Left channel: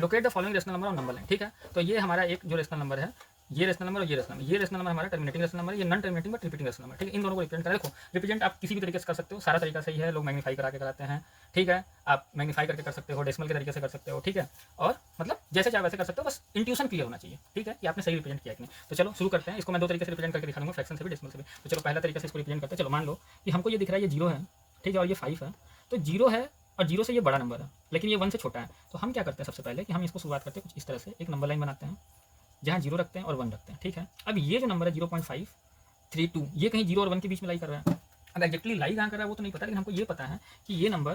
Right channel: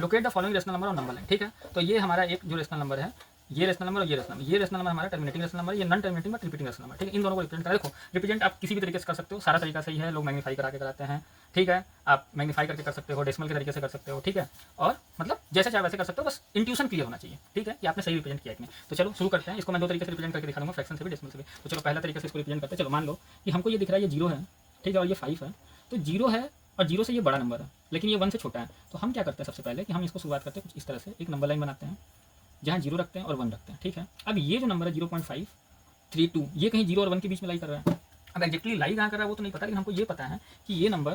Locate the following rational number on number line, ठीक है। तो ये हमारा एक जो रेशनल नंबर है, ये रेशनल नंबर और ये रेशनल नंबर, ये रेशनल नंबर हमारा टर्मिनेटिंग रेशनल नंबर है, ये non terminating but repeating rational number, ठीक है। इन दोनों को रिप्रेजेंट करें। देखो रिप्रेजेंट आप किसी भी तरीके से कर सकते हो, सारा तरीका सही है, लोग मैग्नीफाई करा के कराते हैं, ठीक है। आप मैग्नीफाई करके कर सकते हो, डेसिमल के तरीके से कर सकते हो, ठीक है। और मतलब जैसे चाहे वैसे कर सकते हो, बस इंट्यूशन क्लियर होना चाहिए, ठीक है, कि आपने सही रिप्रेजेंट किया कि नहीं। तो चलो शुरू करते हैं। इसको मैं दो तरीके से रिप्रेजेंट करके दिखा दूंगा, फ्रैक्शन से भी डेसिमल से भी। तो चलो पहला तरीका से इसको रिप्रेजेंट करते हैं। चलो मान लो कि हमको ये दिख रहा है, ये 0 है, ठीक है, और ये 5 है। तो 0 है और 0 से ये बड़ा नंबर है, लेकिन ये 1 से छोटा है। तो हम क्या करते हैं, सबसे पहले कि हम इसको शुरुआत करते हैं कुछ इस तरह से, एक नंबर लाइन बनाते हैं जहाँ 0 रखते हैं और 1 रखते हैं, ठीक है। अब ये जो नंबर है 0.532, ये कहीं 0 और 1 के बीच में लाई कर रहा है। अब एग्जैक्टली लाई कहाँ कर रहा है वो तो नहीं पता, लेकिन हमको ये पता है कि ये नंबर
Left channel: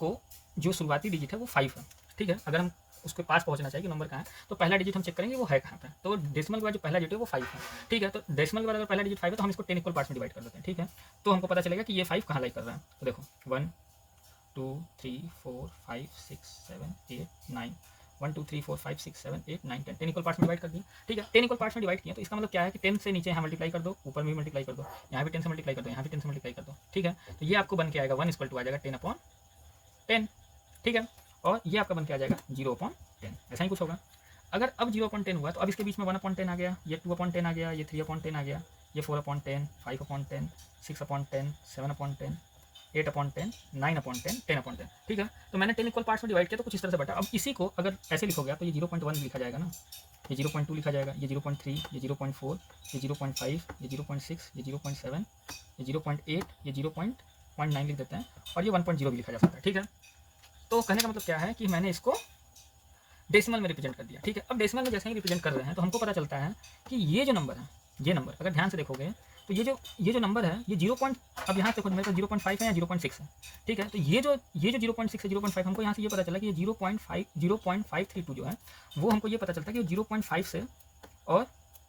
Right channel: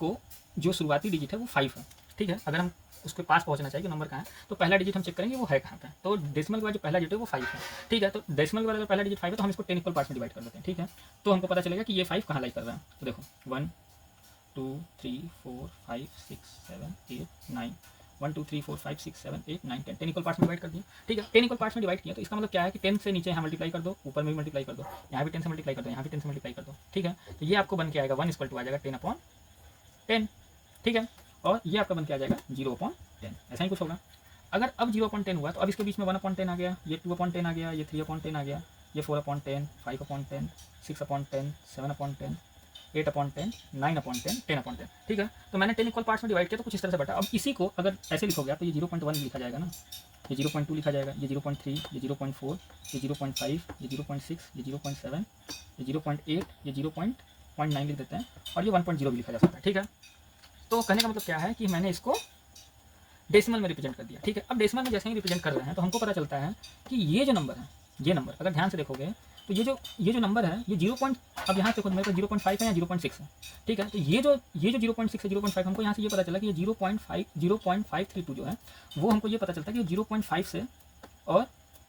को जो शुरुआती डिजिट है वो 5 है, ठीक है। अगर हम उसके पास पहुंचना चाहिए कि नंबर कहाँ है, तो पहला डिजिट हम चेक करेंगे वो है कहाँ पे। तो डेसिमल का जो पहला डिजिट है वो 5 है, ठीक है। तो डेसिमल का अगर पहला डिजिट 5 है तो हम इसको 10 इक्वल पार्ट्स में डिवाइड कर देते हैं, ठीक है। तो हमको पता चलेगा कि ये 5 कहाँ लाई कर रहा है। तो देखो 1 2 3 4 5 6 7 8 9 1 2 3 4 5 6 7 8 9 10 10 इक्वल पार्ट्स में डिवाइड कर दिया, ठीक है। 10 इक्वल पार्ट्स में डिवाइड किया तो इसका मतलब क्या है कि 10 से नीचे यहाँ मल्टीप्लाई कर दो, ऊपर में भी मल्टीप्लाई कर दो, यहाँ भी 10 से मल्टीप्लाई कर दो, यहाँ भी 10 से मल्टीप्लाई कर दो, ठीक है। तो ये आपको बन के आएगा 1 इक्वल टू आ जाएगा 10/10, ठीक है। और ये आपका बन के आ जाएगा 0/10, ऐसा ही कुछ होगा। अगर अब 0/10 हुआ तो अब इसके बीच में 1/10 आ गया, ये 2/10 आ गया, ये 3/10 आ गया, ये 4/10 5/10 6/10 7/10 8/10 9/10 10/10, ठीक है। तो मैंने 10 इक्वल पार्ट्स में डिवाइड किया तो कुछ इस तरह से बटा। अब इसी को अगर ऐसे लिखोगे तो ये 0.1 लिखा जाएगा ना, ये 0.2 लिखा जाएगा, ये 0.3, ये 0.4, ये 0.5, ये 0.6, ये 0.7, ये 0.8, ये 0.9 लिख देते हैं, और ये 1.0 भी लिखा जा सकता है, ठीक है। तो कहने का मतलब क्या है कि मैंने इसको डेसिमल में रिप्रेजेंट कर दिया, ठीक है। अब डेसिमल में जैसे ही रिप्रेजेंट कर रहे हैं तो हमको पता चलता है कि ये जो नंबर है, ये नंबर अगर ध्यान से देखोगे तो ये जो नंबर है ये 0. अब यहाँ देखो मेरे पास 0.5 है या 0.6 है, ठीक है। तो ये जो 0.6 है 0.5, हमको यहाँ से ये पता चला कि ये 0.532 जो है वो हमको ये पता चलता है कि 0.5 से और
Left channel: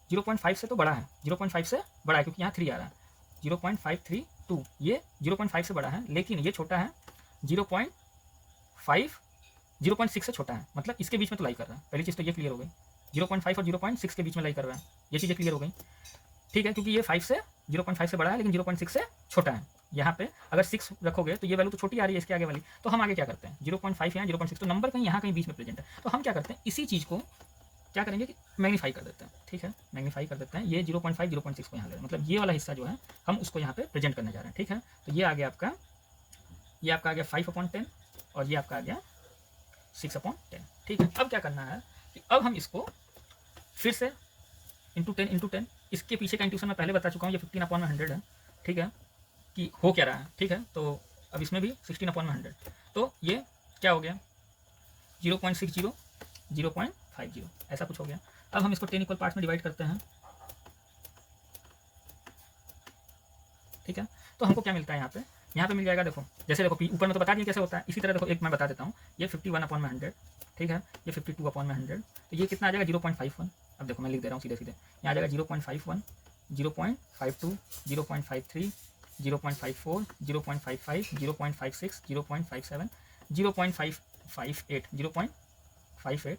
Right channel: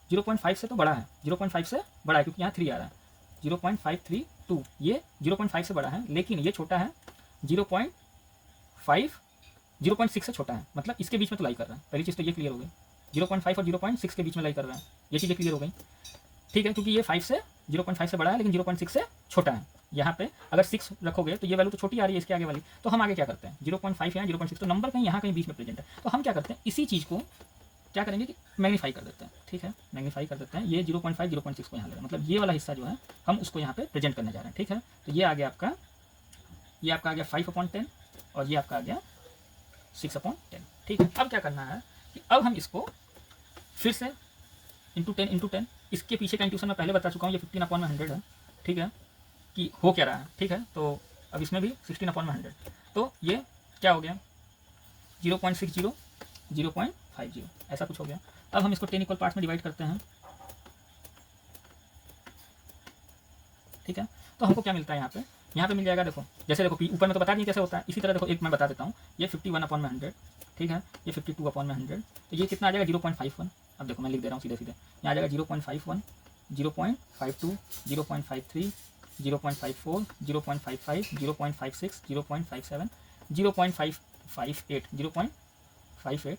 0.5 से तो बड़ा है, 0.5 से बड़ा है क्योंकि यहाँ 3 आ रहा है, 0.532 ये 0.5 से बड़ा है, लेकिन ये छोटा है 0.5 0.6 से छोटा है, मतलब इसके बीच में तो लाई कर रहा है। पहली चीज़ तो ये क्लियर हो गई, 0.5 और 0.6 के बीच में लाई कर रहा है, ये चीज़ें क्लियर हो गई, ठीक है। क्योंकि ये 5 से 0.5 से बड़ा है लेकिन 0.6 से छोटा है। यहाँ पे अगर 6 रखोगे तो ये वैल्यू तो छोटी आ रही है इसके आगे वाली, तो हम आगे क्या करते हैं 0.5 या 0.6, तो नंबर कहीं यहाँ कहीं बीच में प्रेजेंट है, तो हम क्या करते हैं इसी चीज़ को क्या करेंगे कि मैग्नीफाई कर देते हैं, ठीक है। मैग्नीफाई कर देते हैं, ये 0.5 0.6 को यहाँ ले, मतलब ये वाला हिस्सा जो है हम उसको यहाँ पे प्रेजेंट करने जा रहे हैं, ठीक है। तो ये आ गया आपका, ये आपका आ गया 5/10 और ये आपका आ गया 6/10, ठीक है। अब क्या करना है कि अब हम इसको फिर से इंटू 10, इसके पीछे का इंट्यूशन मैं पहले बता चुका हूँ, ये 15/100 है, ठीक है, कि हो क्या रहा है, ठीक है। तो अब इसमें भी 16/100, तो ये क्या हो गया 0.60 0.50 ऐसा कुछ हो गया। अब हम इसको 10 इक्वल पार्ट्स में डिवाइड करते हैं, ठीक है। तो हमको क्या मिलता है यहाँ पे मिल जाएगा, देखो जैसे देखो ऊपर में तो बता दिए कैसे होता है, इसी तरह देखो एक मैं बता देता हूँ, ये 51/100, ठीक है, ये 52/100, तो ये कितना आ जाएगा 0.51। अब देखो मैं लिख दे रहा हूँ सीधे सीधे, यहाँ आ जाएगा 0.51 0.52 0.53 0.54 0.55 0.56 0.57 0.558 0.58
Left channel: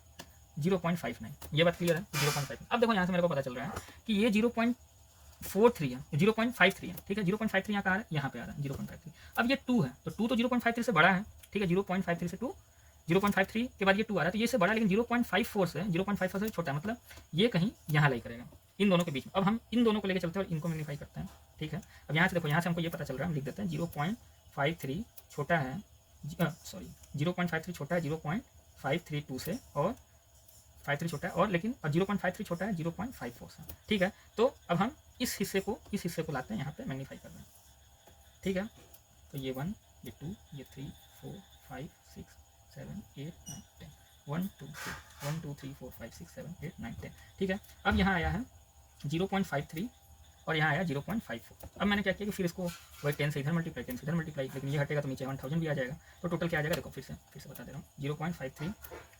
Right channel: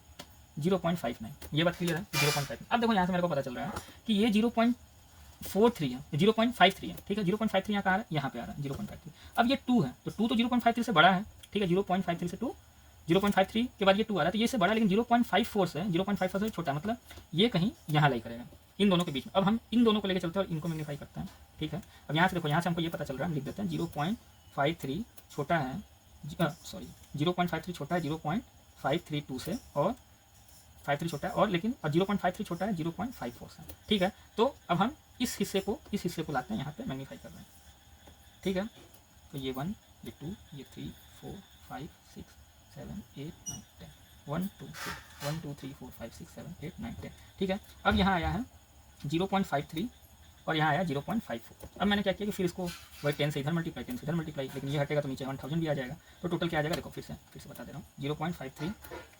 0.59, ये बात क्लियर है 0.5। अब देखो यहाँ से मेरे को पता चल रहा है कि ये 0.43 है, 0.53 है, ठीक है। 0.53 यहाँ कहाँ आ रहा है, यहाँ पे आ रहा है 0.53। अब ये 2 है तो 2 तो 0.53 से बड़ा है, ठीक है। 0.53 से 2, 0.53 के बाद ये 2 आ रहा है तो ये से बड़ा, लेकिन 0.54 से छोटा है, मतलब ये कहीं यहाँ लाई करेगा इन दोनों के बीच में। अब हम इन दोनों को लेके चलते हैं और इनको मैग्नीफाई करते हैं, ठीक है। अब यहाँ से देखो, यहाँ से हमको ये पता चल रहा है, हम लिख देते हैं 0.53 छोटा है, सॉरी 0.53 छोटा है 0.532 से, और 53 छोटा है और लेकिन और 0.53 छोटा है 0.54 से, ठीक है। तो अब हम इस हिस्से को लाते हैं यहाँ पे मैग्नीफाई करना, ठीक है। तो ये 1 ये 2 ये 3 4 5 6 7 8 9 10 1 2 3 4 5 6 7 8 9 10, ठीक है। अब यहाँ आया है 0.53 और यहाँ आया 0.54। अब मैंने क्या किया कि फिर इसको वही 10 से इधर मल्टीप्लाई 10 से इधर मल्टीप्लाई, लेकिन ये हटेगा तो नीचे 1000 भी आ जाएगा, तो टोटल क्या आ जाएगा देखो फिर से बता दे रहा हूँ 0.53,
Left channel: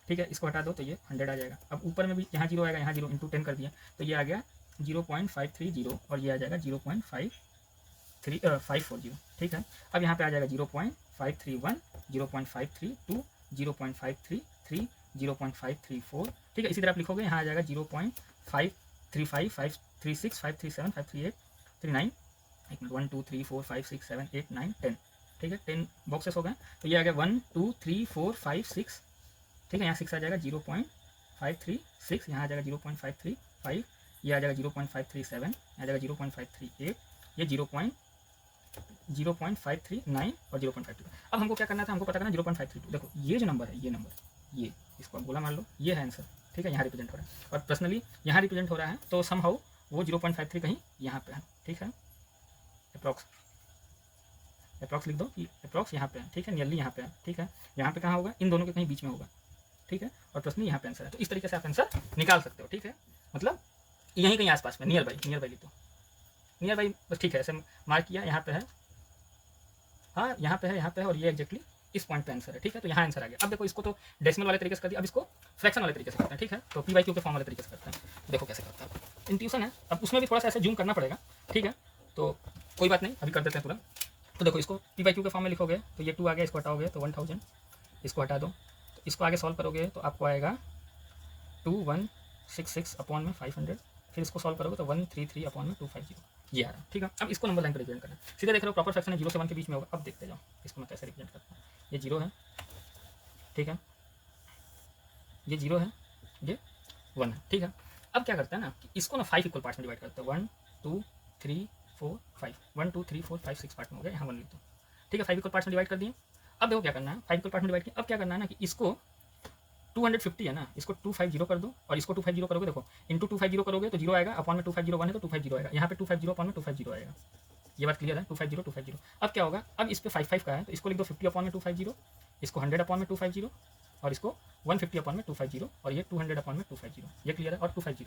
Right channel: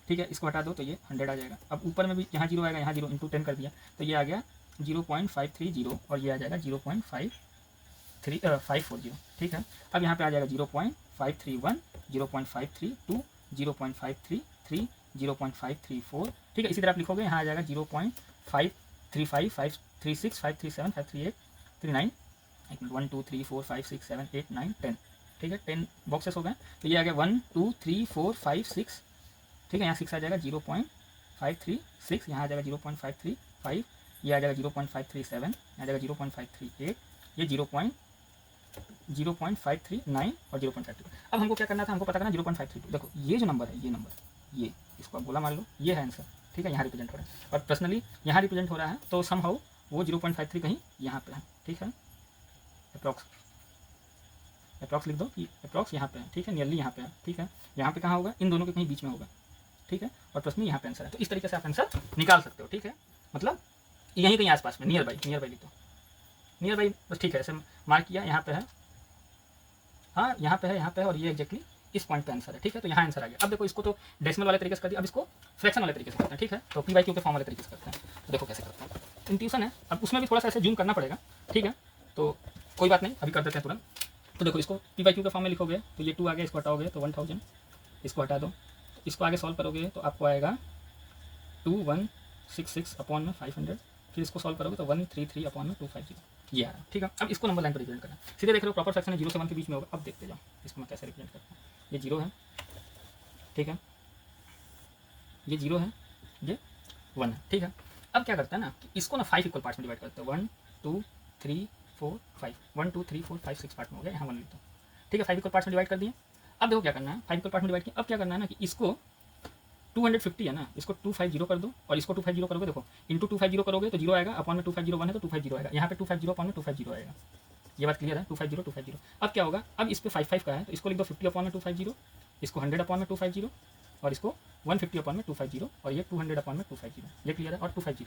ठीक है। इसको हटा दो तो ये 100 आ जाएगा। अब ऊपर में भी यहाँ 0 आएगा, यहाँ 0 इंटू 10 कर दिया तो ये आ गया 0.530 और ये आ जाएगा 0.540, ठीक है। अब यहाँ पे आ जाएगा 0.531 0.532 0.533 0.534, ठीक है। इसी तरह आप लिखोगे, यहाँ आ जाएगा 0.535 536 537 538 39 1 2 3 4 5 6 7 8 9 10, ठीक है। 10 बॉक्सेस हो गए, तो ये आ गया 1 2 3 4 5 6 ठीक है। यहाँ 6 आ जाएगा 0.536, यहाँ आ जाएगा 0.535, ये आ जाएगा 0.537, आ जाएगा 0.538, ये 0.539 और 0.52। अब हमको क्या करना था, हमको पता करना 0.532। देखो ये जो नंबर है, ये नंबर, ये इसको आप गोला मान लो, ये है आंसर, ठीक है। यहाँ रिप्रेजेंट हो रहा है और पर्सनली यहाँ रिप्रेजेंट हो रहा है, तो समहाउ वो 0.53 कहीं यहाँ पे है, ठीक है। अप्रॉक्स लिख दो कि अप्रॉक्स यहाँ पे है, ठीक है, नियरली यहाँ पे है, ठीक है। यहाँ पे कहाँ होगा, इन दोनों के कहीं बीच में होगा, ठीक है। और प्लस में यहाँ पे आंसर है, तो इस तरीके से आप आंसर निकाल सकते हो, ठीक है। मतलब यहीं कहीं आसपास में, नियर बाई लिख दो, नियर बाई बस, ठीक है। ऐसे मार्क किया, यहाँ पे है, हाँ यहाँ पे है और ये एग्जैक्टली इस पॉइंट पे आंसर है, ठीक है। तो यहाँ आंसर आ गया। अब देखो इसको तो डेसिमल वाले तरीके से कर दिया, अब इसको फ्रैक्शन वाले तरीके से करते हैं, ठीक है। तो पी बाई क्यू के फॉर्म वाले तरीके से करते हैं। तो देखो कैसे करते हैं, इंट्यूशन है, अब उसमें भी थोड़ा सा ऐसा जूम करना पड़ेगा, ठीक है। तो कोई बात नहीं, अभी कर देते हैं तुरंत। तो देखो इसको पी बाई क्यू के फॉर्म में लिखोगे तो ये 2 आ गया, इसको हटाओगे तो 1000, इसको हटा दो, तो इसको आगे सॉल्व करोगे तो आपको आएगा 2166/500, फिर इसको सॉल्व करोगे तो 133/250, ये आ रहा, ठीक है। अब इसको नंबर लाइन पर रिप्रेजेंट करना, सीधे देख रहे हो प्रॉपर फ्रैक्शन है, 0 से 1 के बीच में होगा। अब देखते जाओ इसको मैं कैसे रिप्रेजेंट करता हूँ। ये 0 है, ठीक है, ये 0 है, ये 1 है, ठीक है। अब क्या करता है ना कि इसको ना 5 इक्वल पार्ट्स में डिवाइड करते हैं, 1 2 3 4 5, 1 2 3 4 5 6 पार्ट में हो गया, यहाँ 1 लिख दो, ठीक है। 5 इक्वल पार्ट्स में डिवाइड कर दिए। अब देखो क्या करना है, 5 इक्वल पार्ट में डिवाइड किया, अब क्या करना है ना कि इसको 250 है ना, इसको 250 कर दो और इसको 250 करोगे, देखो इंटू 250 करोगे तो 0 आएगा, अपॉन में 250 है तो 250 आएगा, यहाँ पे 250 अपॉन में 250 आएगा। ये बात क्लियर है, 250। अब क्या होगा, अब इस पे 5 का है तो इसको लिख दो 50 अपॉन में 250, इसको 100 अपॉन में 250 और इसको 150 अपॉन में 250 और ये 200 अपॉन में 250, ये क्लियर है। और 250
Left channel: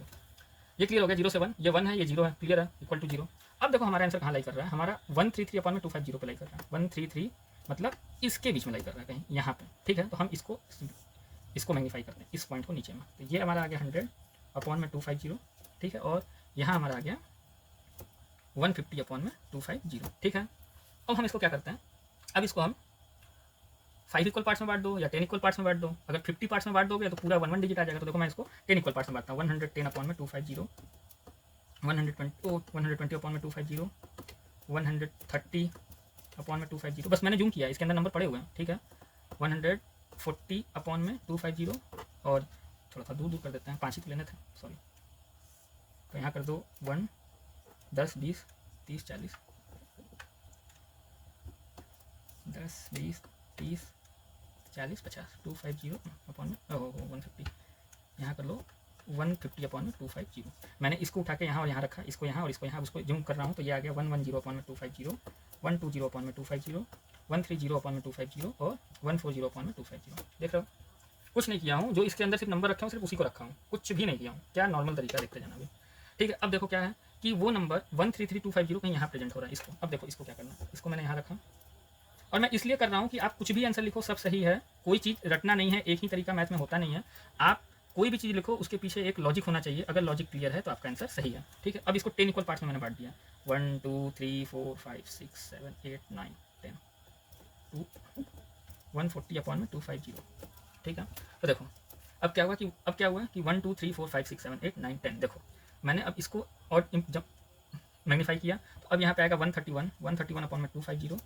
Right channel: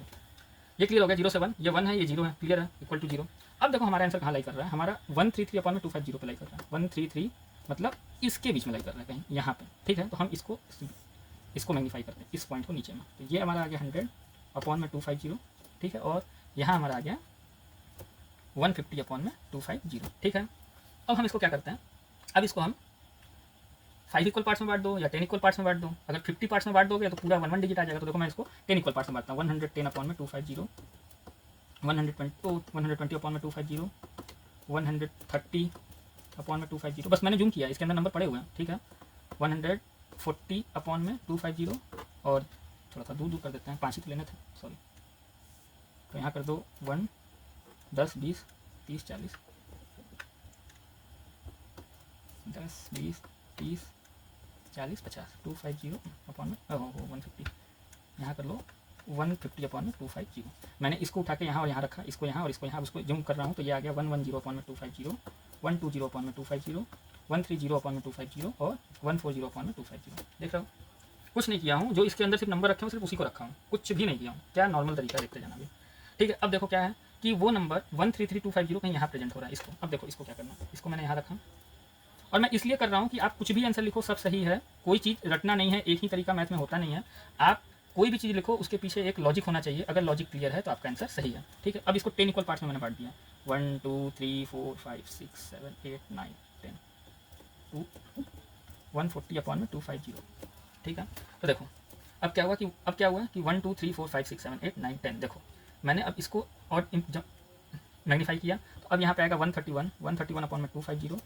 ये क्लियर हो गया, 0 से 1, ये 1 है, ये 0 है, क्लियर है, इक्वल टू 0। अब देखो हमारा आंसर कहाँ लाई कर रहा है, हमारा 133 अपॉन में 250 पे लाई कर रहा है, 133 मतलब इसके बीच में लाई कर रहा है कहीं यहाँ पे, ठीक है। तो हम इसको मैग्नीफाई करते हैं, इस पॉइंट को नीचे में, तो ये हमारा आ गया 100 अपॉन में 250, ठीक है। और यहाँ हमारा आ गया 150 अपॉन में 250, ठीक है। अब हम इसको क्या करते हैं, अब इसको हम 5 इक्वल पार्ट्स में बांट दो या 10 इक्वल पार्ट्स में बांट दो। अगर 50 पार्ट्स में बांट दोगे तो पूरा 1 डिजिट आ जाएगा, तो देखो मैं इसको 10 इक्वल पार्ट्स में बांटता हूँ, 110 अपॉन में 250, 120 अपॉन में 250, 130 अपॉन में 250, बस मैंने जूम किया, इसके अंदर नंबर पड़े हुए हैं, ठीक है। 140 अपॉन में 250 और थोड़ा सा दूर कर देते हैं, 5 लेने थे, सॉरी। तो यहाँ कर दो 1 10 20 30 40, 10 20 30 40 50, 250 अपॉन में 150, यहाँ कर लो 150 अपॉन में 250। मैंने इसको उठा के यहाँ और यहाँ रखा, इसको यहाँ और इसको यहाँ, उसको जूम कर रहा हूँ तो ये आ गया 110 अपॉन में 250, 120 अपॉन में 250, 130 अपॉन में 250 और 140 अपॉन में 250। देख रहे हो, कुछ नहीं किया हूँ, जो इसके अंदर सिर्फ नंबर रखे हूँ सिर्फ उसी को रखा हूँ, कुछ भी नहीं किया हूँ, क्या नॉर्मल तरीका देखते जाना भी, ठीक है। अब देखो क्या है कि वो नंबर 133250 कहीं यहाँ प्रेजेंट हो रहा है, इसको अब देखो इसको क्या करना है, इसको मैंने यहाँ रखा और मैं इसलिए कर रहा हूँ कि आप कुछ भी आंसर लिखो सब सही है, कोई चीज़ रटना नहीं है, एक ही तरीका मैथ में होता नहीं है। आप कोई भी चीज़ लिखो उसके पीछे एक लॉजिक होना चाहिए, अगर लॉजिक क्लियर है तो आपका आंसर सही है, ठीक है। अब इसको 10 इक्वल पार्ट्स में मैंने बांट दिया, 1 2 3 4 5 6 7 8 9 10, 140 अपॉन में 250, ठीक है। तो देखो अब क्या हुआ कि 1 2 3 4 5 6 7 8 9 10, देखो मैंने अब इसको और जब मैग्नीफाई किया तो अब यहाँ पे आएगा 131 अपॉन में 250,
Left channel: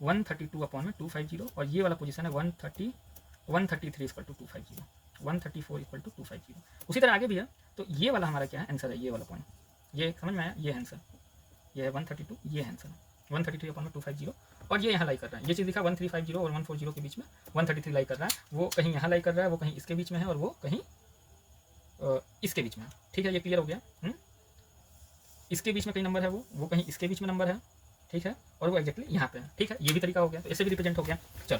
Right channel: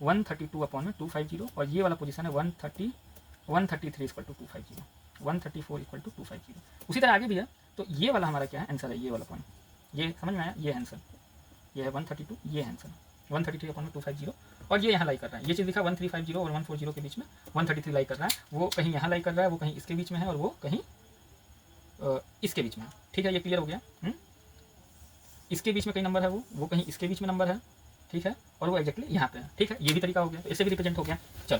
132 अपॉन में 250 और ये वाला पोजीशन है 133 इक्वल टू 250, 134 इक्वल टू 250। उसी तरह आगे भी है, तो ये वाला हमारा क्या है आंसर है, ये वाला पॉइंट, ये समझ में आया, ये आंसर, ये है 132, ये आंसर 133 अपॉन में 250 और ये यहाँ लाई कर रहा है, ये चीज़ लिखा 1350 और 140 के बीच में 133 लाई कर रहा है, वो कहीं यहाँ लाई कर रहा है, वो कहीं इसके बीच में है और वो कहीं इसके बीच में है, ठीक है। ये क्लियर हो गया, इसके बीच में कहीं नंबर है, वो कहीं इसके बीच में नंबर है, ठीक है, और वो एक्जैक्टली यहाँ पे है, ठीक है। ये भी तरीका हो गया, इससे भी रिप्रेजेंट हो गया, चलो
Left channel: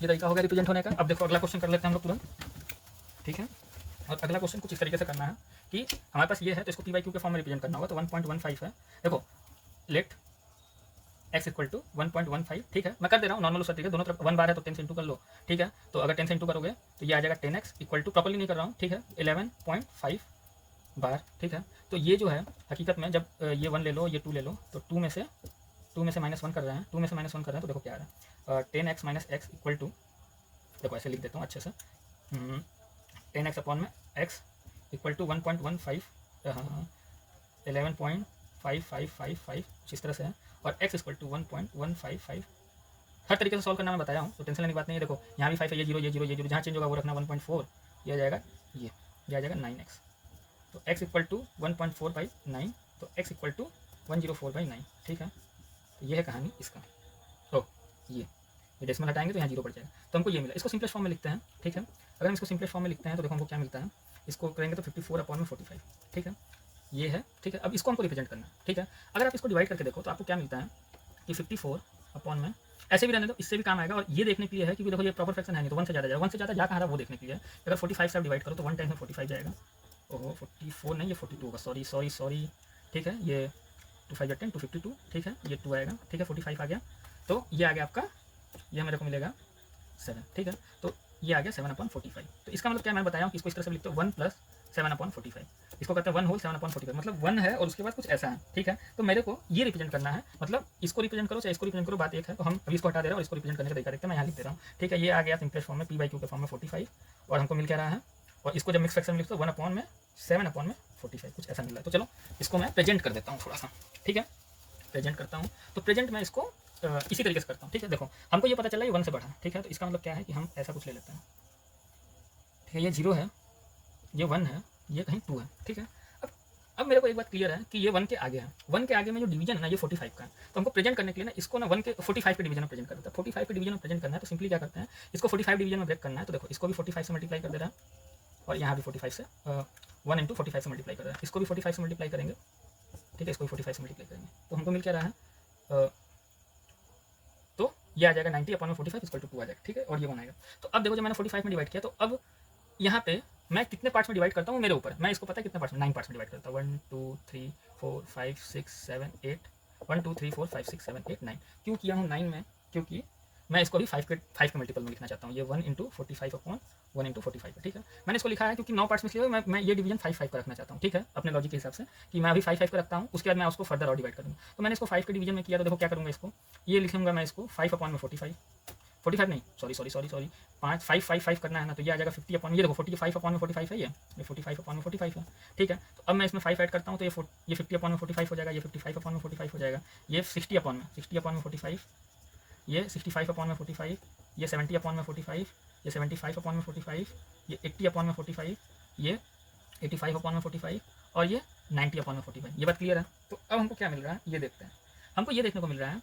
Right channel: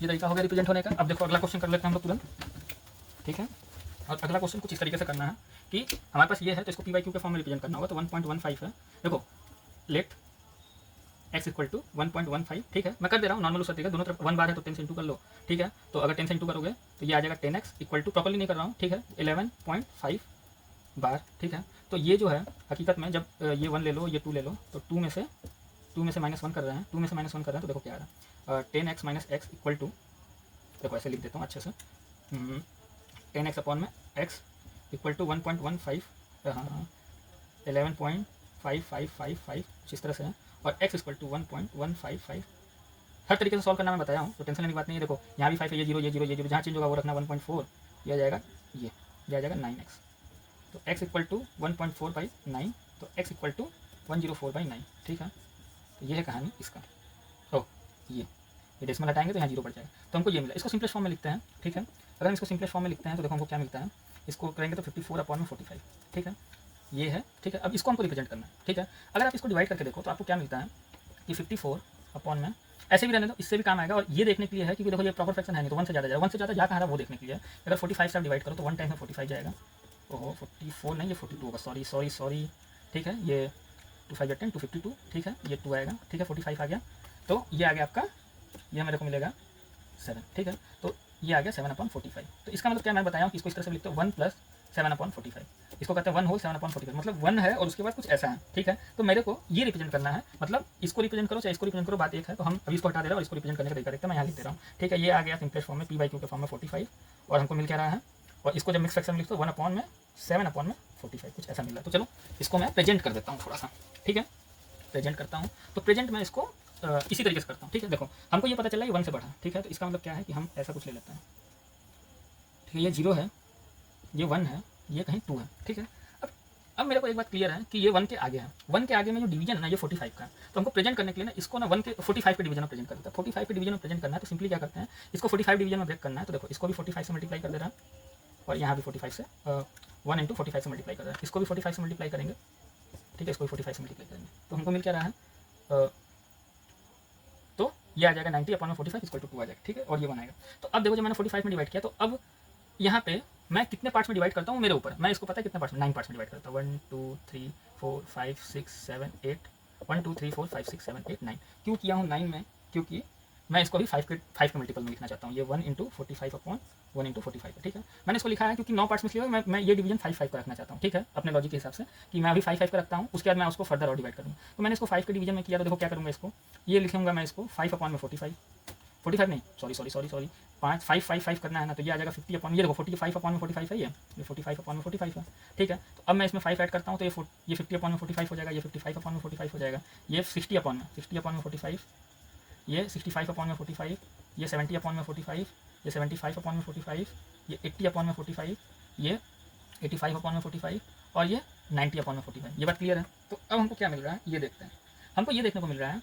ये तरीका हो गया रिप्रेजेंट होने का। अब देखो अगला क्वेश्चन कर लेते हैं हम लोग तुरंत, ठीक है। और अगला क्वेश्चन कुछ इस तरीके से करना है कि हमारे पास ये है तो इसको पी बाई क्यू के फॉर्म में रिप्रेजेंट करना होगा, तो 1.15 है, देखो लेट x इक्वल टू 1.15, ठीक है। मैं कर दे रहा हूँ नॉर्मल उसका तरीका, दोनों तरफ 1 बार है तो 10 से इंटू कर लो, ठीक है। तो अगर 10 से इंटू करोगे तो ये आ जाएगा 10x इक्वल टू, प्रॉपर्ली नहीं कर रहा हूँ, ठीक है, 11.5 बार, ठीक है। तो ये जो है हकीकत में जब ये 1 ले लो, ये 2 ले लो, तो 2 में से -1 कर रहे हैं, 2 में से -1 कर रहे हैं, तो देखो क्या आ रहा है 10x minus x equal to, देखो ऐसे लिख देता हूँ अच्छे से, 10x अपॉन में x इक्वल टू 1.15, 11.5555 इस तरह से है, और x इक्वल टू 1.155 हर तरीके से सॉल्व करना मैं बताया हूँ, तो टेंशन लेने की बात नहीं है। देखो यहाँ भी 5 है, ये 0 ये 0 ये 0, जहाँ चेंज होगा वो रखना 1.4, ये आ जाएगा ये आ जाएगा 9x। तो x इक्वल टू 1.4/9, तो x इक्वल टू 104/9, ठीक है। तो ये है कहानी इसका। तो ये डेसिमल हटाएंगे तो यहाँ 0 पड़ जाएगा, तो हमको ये मिला। इसको सिंपलेस्ट फॉर्म में लिखते हैं, ठीक है। अगर हम इसको सिंपलेस्ट फॉर्म में लिखते हैं तो देखो हमको क्या मिलता है, इसको करेंगे तो 54/45, ठीक है, ये है, ठीक है। अब इसको हमको रिप्रेजेंट करना है, ठीक है। अगर आप इसको डिवाइड करके देखो तो आपको क्या मिलता है कि 54 में ऐसे भी रहने दो, इससे भी काम आएगा। और ये देखने के लिए है क्योंकि देखो ये प्रॉपर फ्रैक्शन है नहीं, तो 1 से ज़्यादा जाएगा, 1 से ज़्यादा जा कहाँ रहा है वो देखने के लिए। अगर 45 से डिवाइड करो तो 1 टाइम में 45 जाएगा। ओहो 44 नहीं, ये 42 होगा, सॉरी, ठीक है। ये 2 5 10 252, ठीक है, ये 2 आएगा, ठीक है, 45 आ गया। तो ये आ गया आपका, ये मेरे को मिलेगा 7, ठीक है। तो ये आ गया 7/45। तो इसका मतलब क्या मैं बताया कि इसको इस तरह से लिखता हूँ 1 + 7/45। इसको कहते हैं 1 होल 7/45, मतलब 1 है और उसके बाद कुछ ऐसा है, ठीक है। तो मेरे को ये रिप्रेजेंट करना है, मतलब इसको रिप्रेजेंट करो चाहे इसको रिप्रेजेंट करो, बात एक है। तो हम अभी इसको हटा दे रहे हैं और इसको रिप्रेजेंट करने का तरीका देखते हैं। मैं यहाँ लिख दे रहा हूँ, ठीक है। ये आ गया सिंपलेस्ट फॉर्म में p/q के फॉर्म में 45, और हमको मिल क्या रहा है, और इसको जब मिक्स फ्रैक्शन में लिखते हो 1/7/45 कुछ ऐसा मिल रहा है। तो चलो इसको मैं प्रेजेंट कर देता हूँ थोड़ा सा, ठीक है, प्रेजेंट करता हूँ। तो प्रेजेंट मैं इसको इसी तरीके से करता हूँ, ठीक है। देखो हमको ये पता चला ये 1 से बढ़ा, ठीक है। तो इसका मतलब क्या है कि हम ऐसा कुछ ले लेते हैं, ठीक है। ये 0 है, ये 1 है, ये कहीं 2 है, ठीक है। अब मेरे को एक बात क्लियर है कि ये 1 के आगे है, 1 के आगे में जो डिवीजन है ना ये 45 का है। तो हमको प्रेजेंट करने के लिए ना इसको ना 1 के 45 के डिवीजन में प्रेजेंट कर देता है। 45 के डिवीजन में प्रेजेंट करना है तो सिंपली क्या करते हैं, इसको 45 डिवीजन में ब्रेक करना है। तो देखो इसको भी 45 से मल्टीप्लाई कर दे रहा है, और यहाँ भी 45 से 1 × 45 से मल्टीप्लाई कर रहा है। इसको भी 45 से मल्टीप्लाई करेंगे, ठीक है, इसको भी 45 से मल्टीप्लाई करेंगे। तो हमको मिल क्या रहा है, तो ये आ जाएगा 90/45 = 2 आ जाएगा, ठीक है। और ये बनाएगा। तो अब देखो जब मैंने 45 में डिवाइड किया, तो अब यहाँ पे मैं कितने पार्ट्स में डिवाइड करता हूँ मेरे ऊपर, मैं इसको पता है कितने पार्ट्स में, 9 पार्ट्स में डिवाइड करता हूँ। 1 2 3 4 5 6 7 8 1 2 3 4 5 6 7 8 9। क्यों किया हूँ 9 में, क्योंकि मैं इसको अभी 5 के मल्टीपल में लिखना चाहता हूँ। ये 1 × 45/1 × 45, ठीक है। मैंने इसको लिखा है क्योंकि 9 पार्ट्स में किया मैं ये डिवीजन 5 का रखना चाहता हूँ, ठीक है, अपने लॉजिक के हिसाब से कि मैं अभी 5 का रखता हूँ, उसके बाद मैं उसको फर्दर और डिवाइड करूँगा। तो मैंने इसको 5 के डिवीजन में किया। तो देखो क्या करूँगा, इसको ये लिखूँगा मैं, इसको 5/45 नहीं, सॉरी 5 करना है ना, तो ये आ जाएगा 50/, ये देखो 45/45 है, ये 45/45 है, ठीक है। तो अब मैं इसमें 5 ऐड करता हूँ तो ये 50/45 हो जाएगा, ये 55/45 हो जाएगा, ये 60/45, ये 65/45, ये 70/45, ये 75/45, ये 80/45, ये 85/45 और ये 90/45। ये बात क्लियर है। तो अब हमको क्या मिल रहा है ये देखते हैं। हमको ये देखने को मिल रहा है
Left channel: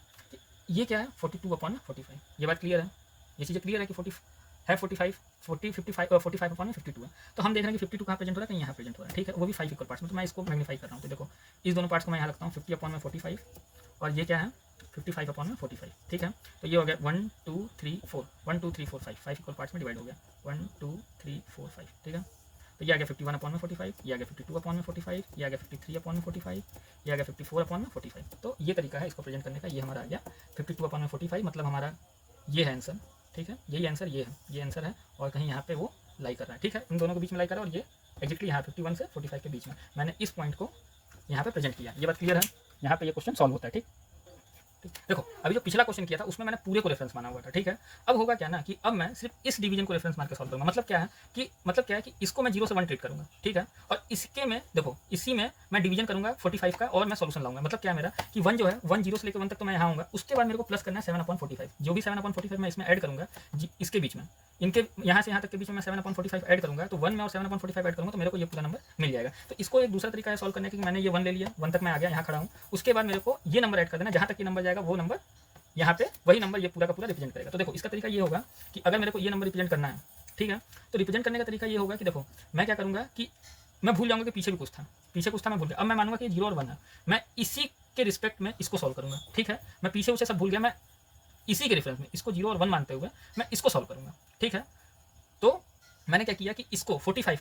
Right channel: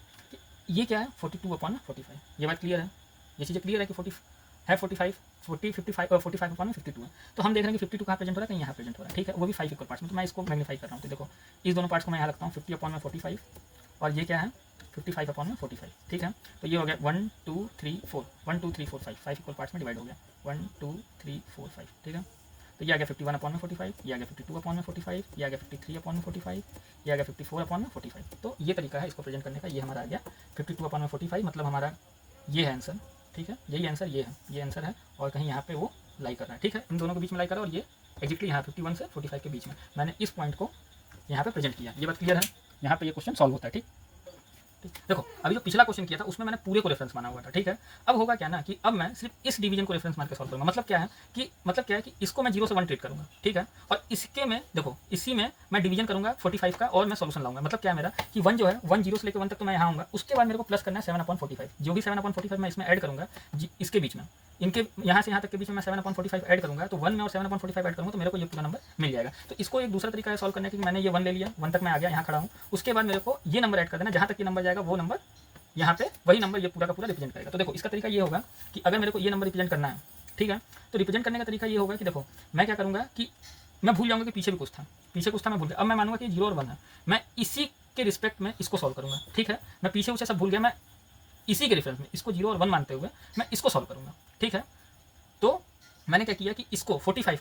कि ये क्या है 42/45। ये बात क्लियर है, ये चीज़ें क्लियर है कि 45/52 है। तो हम देख रहे हैं कि 52 कहाँ प्रेजेंट हो रहा है, कहीं यहाँ प्रेजेंट हो रहा है, ठीक है। वो भी 5 इक्वल पार्ट्स में। तो मैं इसको मैग्नीफाई कर रहा हूँ। तो देखो इस दोनों पार्ट्स को मैं यहाँ लगता हूँ 50/45, और ये क्या है 55/45, ठीक है। तो ये हो गया 1 2 3 4 1 2 3 4 5 इक्वल पार्ट्स में डिवाइड हो गया, 1 2 3 4 5, ठीक है। तो ये आ गया 51/45, ये आ गया 52/45, ये आ गया 53/45, ये आ गया 54/45। तो ये तरीका है इसको प्रेजेंट करने का। ये हमारा आ गया 52/45, मतलब हमारा ये है आंसर, ठीक है। यही आंसर ये आंसर है, और कहीं यहाँ पे वो लाई कर रहा है, ठीक है। इन दोनों के बीच में लाई कर रहा है, और ये एग्जैक्टली यहाँ 51 से 45 के बीच में मैंने इस पॉइंट को यहाँ पे प्रेजेंट किया। ये बात क्लियर है, यहाँ पे ये क्वेश्चन सॉल्व होता है, ठीक। देखो अभी जो पिछला क्वेश्चन किया था उसमें मैंने पूरे को रेफरेंस माना हुआ था, ठीक है। अब होगा क्या ना कि अब मैं सिर्फ इस डिवीजन को रेफरेंस मान के सॉल्व करूंगा। मतलब क्या है कि इसको मैं 0 से 1 ट्रीट करूंगा, ठीक है। और इसके में देखो इसी में मैं डिवीजन करूंगा 45 का, और मैं सॉल्यूशन लाऊंगा। मतलब क्या है मेरा कि 1 जो है 1 0 से लेकर 1 तक तो मैं यहाँ आऊँगा, उसके बाद मेरे को प्लस करना है 7/45। जो भी 7/45 मैं इसमें ऐड करूँगा इसके बीच में, इनके यहाँ से यहाँ तक के बीच में मैं 7/45 ऐड करूँगा, तो 1 में और 7/45 ऐड करूँगा तो मेरे को ये पूरा नंबर मिल जाएगा। तो इसको एक दूसरा तरीका है सॉल्व करने की, मैंने ये 1 ले लिया, 1 तक मैं आ गया, यहाँ खड़ा हूँ। उसके बाद मेरे को ये नंबर ऐड कर देना, जहाँ तक ये नंबर जाएगा वो नंबर यहाँ पे वही नंबर ये पूरा का पूरा रिप्रेजेंट करेगा। तो देखो इसका तरीका ये होगा कि अगर मेरे को ये नंबर रिप्रेजेंट करना है, ठीक है, तो रिप्रेजेंट करने का तरीका ये होगा कि देखो मैं क्या करूँगा कि मैं भूल जाऊँगा कि पीछे कुछ था, मैं भूल गया। अब मैं मानूंगा कि 0 और 1 है, मैं इसी के रिस्पेक्ट में इसको सॉल्व करूँगा, ठीक है। मैं पीछे उसे सब भूल गया, मैं इसी के रेफरेंस में इसको 0 और 1 मानते हुए मैं इसको सॉल्व करूँगा, ठीक है। तो मैंने क्या किया कि इसको 45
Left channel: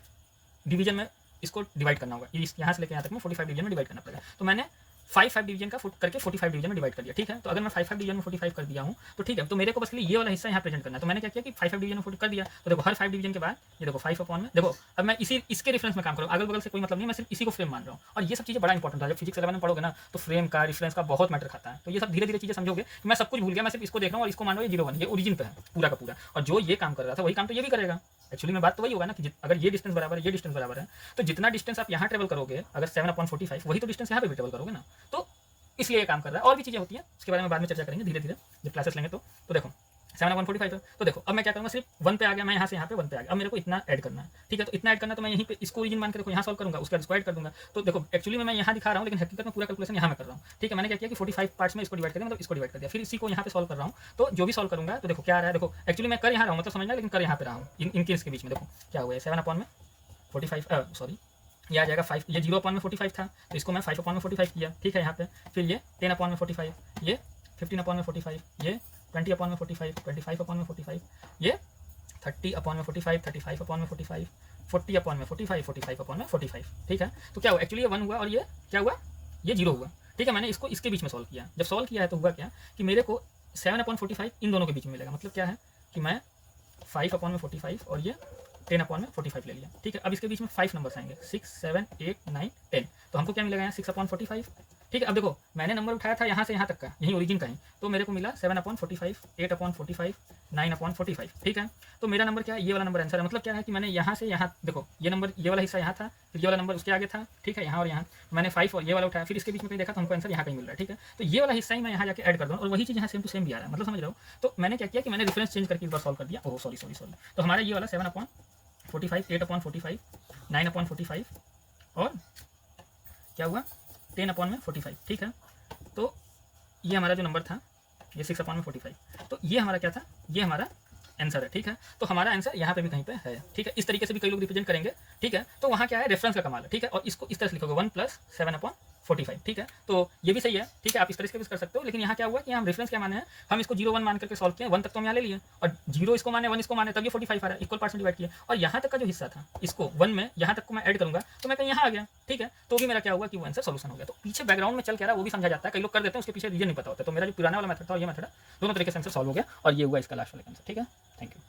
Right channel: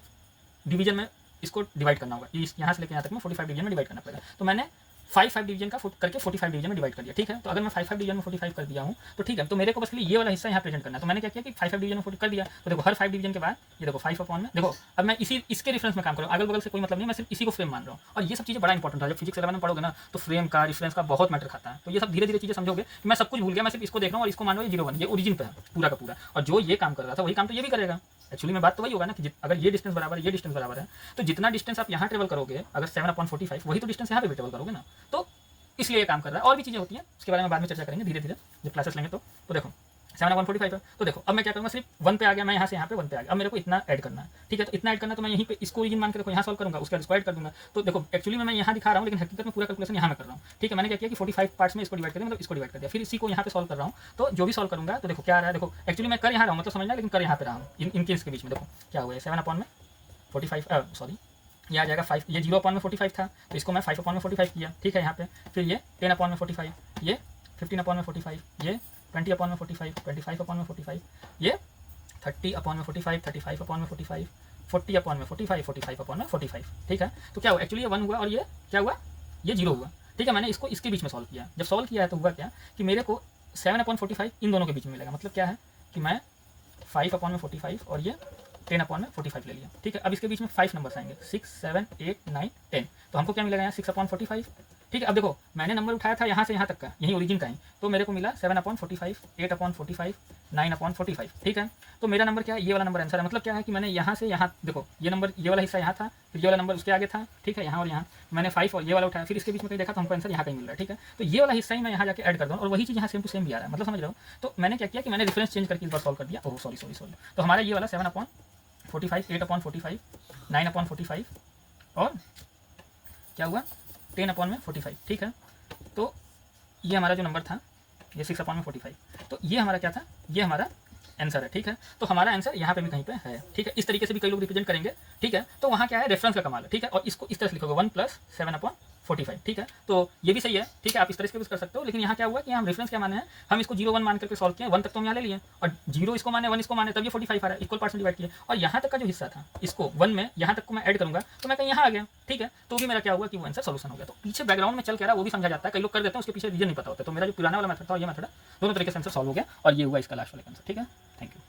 डिवीजन में इसको डिवाइड करना होगा, यहाँ से लेकर यहाँ तक में 45 डिवीजन में डिवाइड करना पड़ेगा। तो मैंने 5 डिवीजन का फुट करके 45 डिवीजन में डिवाइड कर दिया, ठीक है। तो अगर मैं 5 डिवीजन में 45 कर दिया हूँ तो ठीक है, तो मेरे को बस ये वाला हिस्सा यहाँ प्रेजेंट करना है। तो मैंने क्या किया कि 5 डिवीजन में 40 कर दिया। तो देखो हर 5 डिवीजन के बाद ये देखो 5 में, देखो अब मैं इसके रेफरेंस में काम करूँ, अगल बगल से कोई मतलब नहीं, मैं सिर्फ इसी को फ्रेम मान रहा हूँ। और ये सब चीज़ें बड़ा इंपॉर्टेंट है, जब फिजिक्स 11 में पढ़ोगे ना तो फ्रेम का रेफरेंस का बहुत मैटर खाता है। तो ये सब धीरे धीरे चीज़ें समझोगे। मैं सब कुछ भूल गया, मैं सिर्फ इसको देख रहा हूँ और इसको मान रहा हूँ 0 1, ये ओरिजिन पे है पूरा का पूरा, और जो ये काम कर रहा था वही काम तो ये भी करेगा। एक्चुअली में बात तो वही होगा ना कि अगर ये डिस्टेंस बराबर है, ये डिस्टेंस बराबर है, तो जितना डिस्टेंस आप यहाँ ट्रेवल करोगे, अगर 7/45 वही तो डिस्टेंस यहाँ पे भी ट्रेवल करोगे ना। तो इसलिए ये काम कर रहा है। और भी चीज़ें होती हैं, उसके बारे में बाद में चर्चा करेंगे धीरे धीरे जब क्लासेस लेंगे। तो देखो 7/145 है, तो देखो अब मैं क्या करूँगा, सिर्फ 1 पे आ गया, मैं यहाँ से यहाँ पे 1 पे आ गया। अब मेरे को इतना ऐड करना है, ठीक है। तो इतना ऐड करना है, तो मैं यहीं पे इसको ओरिजिन मान के देखो यहाँ सॉल्व करूँगा, उसके बाद इसको ऐड कर दूँगा। तो देखो एक्चुअली में मैं यहाँ दिखा रहा हूँ, लेकिन हकीकत में पूरा कैलकुलेशन यहाँ मैं कर रहा हूँ, ठीक है। मैंने क्या किया कि 45 पार्ट्स में इसको डिवाइड कर दिया, मतलब इसको डिवाइड कर दिया, फिर इसी को यहाँ पे सॉल्व कर रहा हूँ। तो जो भी सॉल्व करूँगा तो देखो क्या आ रहा है, देखो एक्चुअली मैं कर यहाँ रहा हूँ, मतलब समझना, लेकिन कर यहाँ पे रहा हूँ इनके इसके बीच में। देखो क्या हुआ है, 7/45 सॉरी ये आ जाएगा 5, ये 0/45 था, तो इसको मैं 5/45 किया, ठीक है यहाँ पे। फिर ये 10/45, ये 15/45, ये 20/45, 25/45, ये 30/45, 35/45, 40/45, 45/45, ठीक है। तो क्या हुआ, एक्चुअली ये 1 हुआ और ये क्या हुआ, ये 0 हुआ, ठीक है। मैंने इसको इसके बीच में सॉल्व किया, जब सॉल्व किया है तो हुआ क्या कि मेरे को 7/45 इन दोनों के बीच में मिलेगा। मतलब क्या है कि मैं 5/45 और ये 10/45 ले लिया, ठीक है। अब इसके बीच में 5 नंबर्स आएंगे, 6, 7, 8, 9, 10। तो हमको क्या मिलेगा यहाँ 6/45, ठीक है। अब देखो मैंने नंबर उठाया था यहाँ से यहाँ तक का, यही ओरिजिन का है, तो मेरे को मिला 7/45, 8/45, 9/45, ठीक है। तो मेरा नंबर क्या है, ये वाला नंबर आंसर है। मतलब क्या है कि मैंने यहाँ से यहाँ देखो ये नंबर, ये वाला हिस्सा यहाँ था, फिर ये वाला नंबर उसके आगे था, ठीक है, यहाँ और यहाँ मैंने 5 और ये वाला उठाया, फिर इसके बीच में कहीं देखा तो हमको आंसर यहाँ कहीं मिल रहा है, ठीक है। तो ये वाला हिस्सा ही मैं यहाँ जाके ऐड कर दूँ और वही चीज़ यहाँ सेम टू सेम भी आ रहा है, मतलब समझ रहे हो। तो मैंने क्या किया कि मैंने रेफरेंस चेंज करके इस बार सॉल्व कर दिया। ओह सॉरी, तो हमारा ये वाला 7/45, 8/45, 9/45 और क्या हुआ 10/45, ठीक है। तो ये हमारा जो नंबर था ये 6/45, तो ये हमारा क्या था, ये हमारा आंसर है, ठीक है। तो हमारा आंसर यहाँ पे भी कहीं पे है, ठीक है। इस तरीके से भी कई लोग रिप्रेजेंट करेंगे, ठीक है। तो वहाँ क्या है, रेफरेंस का कमाल है, ठीक है। और इसको इस तरह से लिखोगे 1 + 7/45, ठीक है। तो ये भी सही है, ठीक है, आप इस तरह से भी कर सकते हो। लेकिन यहाँ क्या हुआ कि हम रेफरेंस क्या माने हैं, हम इसको 0, 1 मान करके सॉल्व किया, 1 तक तो हम यहाँ ले लिए और 0 इसको माने, 1 इसको माने, तब ये 45 आ रहा है, इक्वल पार्ट्स में डिवाइड किया। और यहाँ तक का जो हिस्सा था इसको 1 में यहाँ तक को मैं ऐड करूँगा तो मैं कहीं यहाँ आ गया, ठीक है। तो भी मेरा क्या हुआ कि वो आंसर सोल्यूशन हो गया। तो पीछे बैकग्राउंड में चल के रहा वो भी समझा जाता है, कई लोग कर देते हैं, उसके पीछे रीजन नहीं पता होता। तो मेरा जो पुराना वाला मेथड था और ये मेथड दोनों तरीके से आंसर सॉल्व हो गया और ये हुआ इसका लास्ट वाला आंसर, ठीक है। Thank you.